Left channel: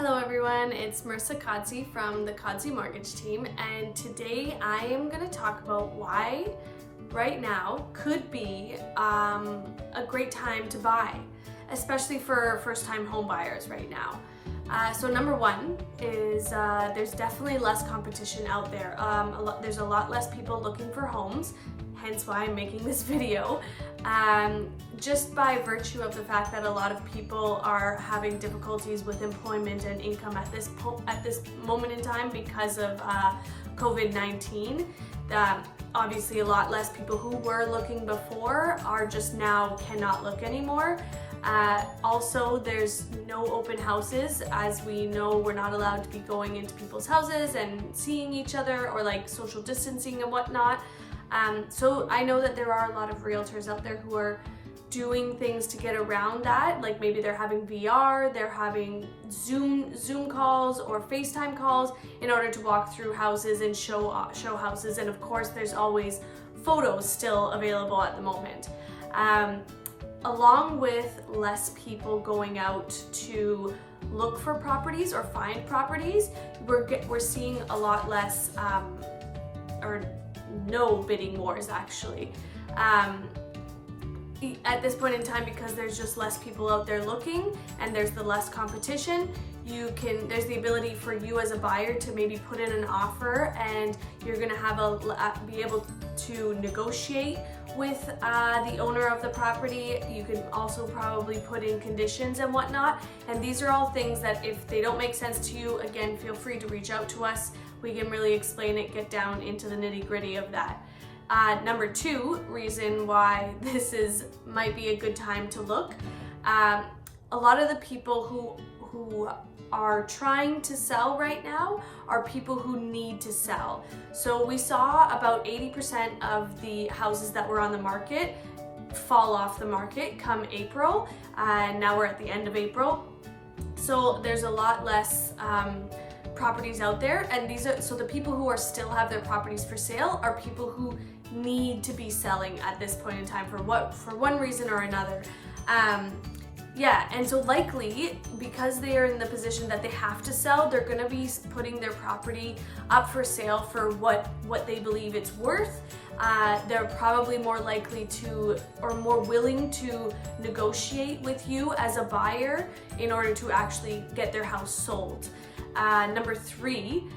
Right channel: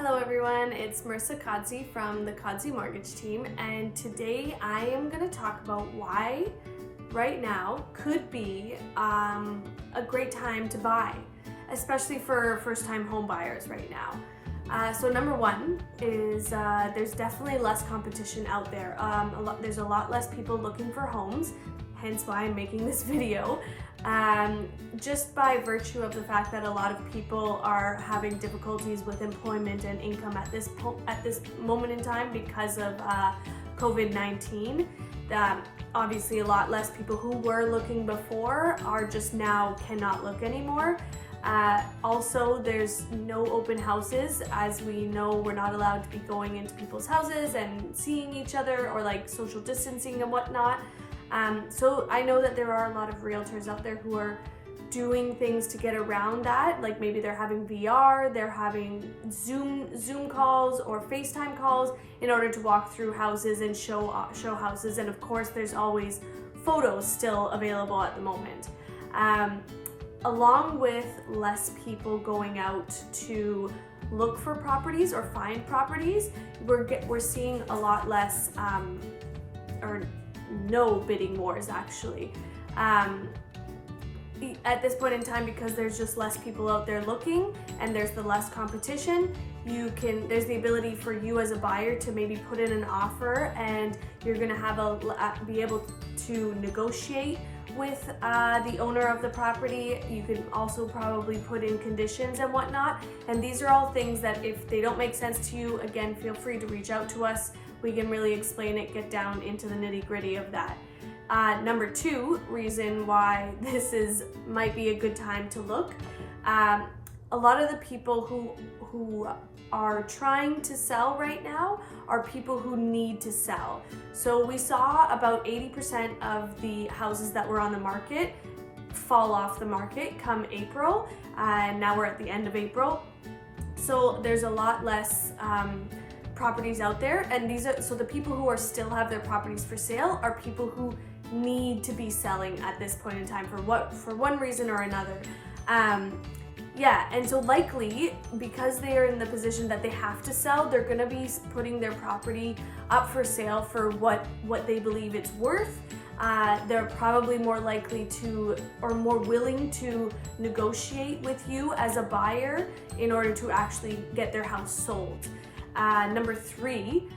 Hello everyone, it's Marissa Kodsey from the Kodsey Mortgage Team, and today I am going to talk about why right now could be a great time to buy, especially for first-time home buyers right now. So number one is there's definitely less competition out there. There's a lot less people looking for homes, hence why I'm making this video. Just by virtue of the fact that a lot of people are having difficulties with employment and income at this moment in time because of COVID-19. Obviously a lot less people who were looking before are just now cannot look anymore. Also, there's no open houses. As we know, we're not allowed to be going into people's houses and seeing each other or like social distancing and whatnot. So I know that there are a lot of realtors out there who are doing things to get around that. Like maybe they're having VR, they're having Zoom calls or FaceTime calls in order to walk through houses and show houses. And of course, there's always photos still available at the moment. Along with less people going out to look for properties or find properties, we're seeing a lot less or no bidding wars actually. At this point in time, because there's just less people out there looking and there's the less competition, there's the ability for you as a buyer to maybe put in an offer, and you're gonna have be able to negotiate with the owner of the property. You can also probably put in conditions and whatnot, and these are all things that if they don't make sense to you, again, feel free to reach out to us. We can really explain it, get down into the nitty-gritty of that. Number two reason why this might be a good time to look. A lot of the people who are trying to sell right now are people who need to sell. So we saw about 80% of the houses that were on the market fall off the market come April, and now we're at the end of April. So there's a lot less properties out there, and so the people who still have their properties for sale are people who need to be selling at this point in time for one reason or another. And so likely because they are in the position that they have to sell, they're going to be putting their property up for sale for what they believe it's worth. They're probably more likely to or more willing to negotiate with you as a buyer in order to actually get their house sold. Number three,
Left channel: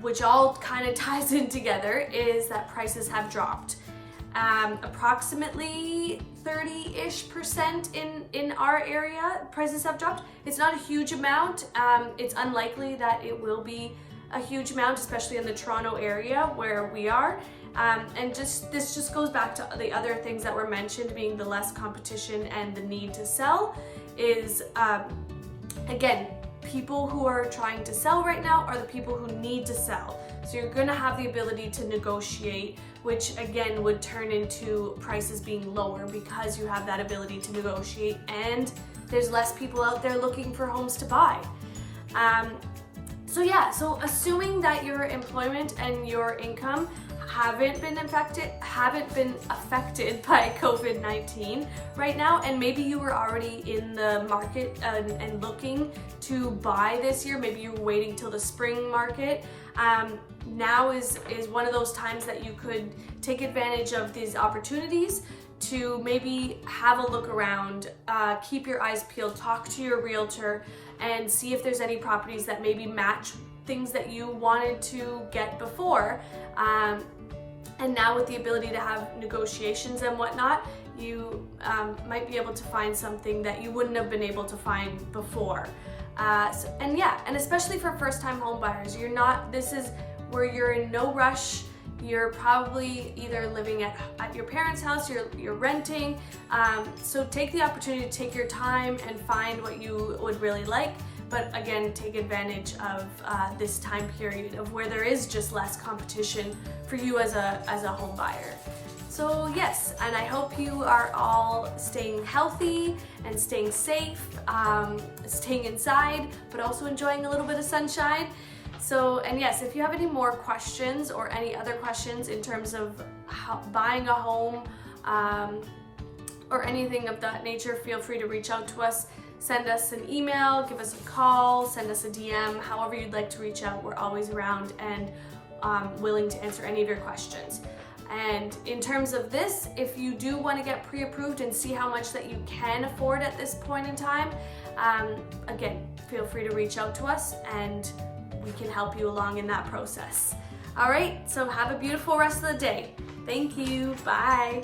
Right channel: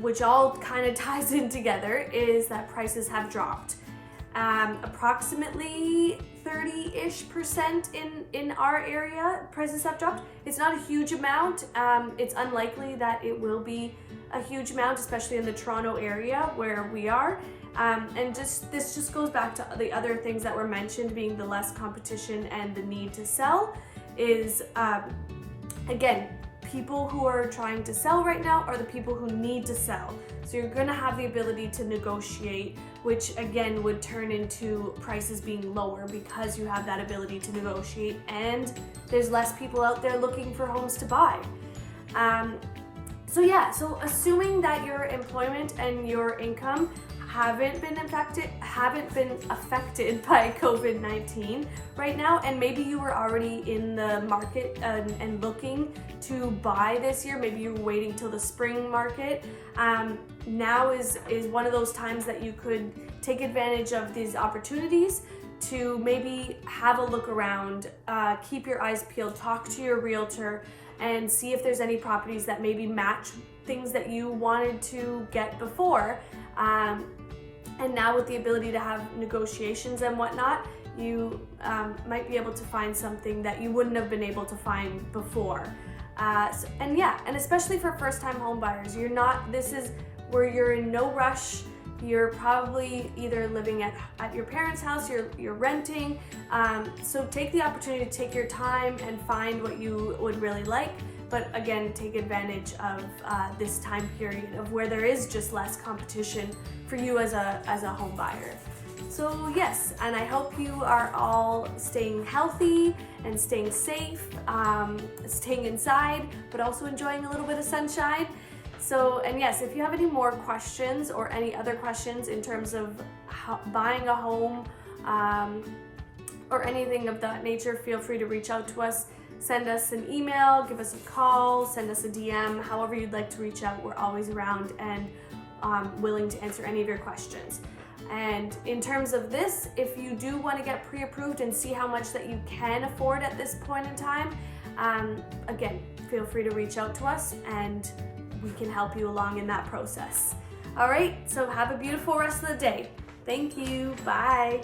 which all kind of ties in together, is that prices have dropped. Approximately 30-ish% in our area, prices have dropped. It's not a huge amount. It's unlikely that it will be a huge amount, especially in the Toronto area where we are. And this just goes back to the other things that were mentioned, being the less competition and the need to sell. Is again, people who are trying to sell right now are the people who need to sell. So you're going to have the ability to negotiate, which again would turn into prices being lower because you have that ability to negotiate, and there's less people out there looking for homes to buy. So assuming that your employment and your income haven't been affected by COVID-19 right now, and maybe you were already in the market and looking to buy this year, maybe you were waiting till the spring market. Now is one of those times that you could take advantage of these opportunities to maybe have a look around, keep your eyes peeled, talk to your realtor, and see if there's any properties that maybe match things that you wanted to get before. And now with the ability to have negotiations and whatnot, you might be able to find something that you wouldn't have been able to find before. And especially for first-time home buyers, this is where you're in no rush. You're probably either living at your parents' house, you're renting. So take the opportunity to take your time and find what you would really like. But again, take advantage of this time period of where there is just less competition for you as a home buyer. So yes, and I hope you are all staying healthy and staying safe, staying inside, but also enjoying a little bit of sunshine. So, and yes, if you have any more questions or any other questions in terms of buying a home or anything of that nature, feel free to reach out to us. send us an email, give us a call, send us a DM, however you'd like to reach out. We're always around and willing to answer any of your questions. And in terms of this, if you do want to get pre-approved and see how much that you can afford at this point in time, again, feel free to reach out to us and we can help you along in that process. All right, so have a beautiful rest of the day. Thank you. Bye.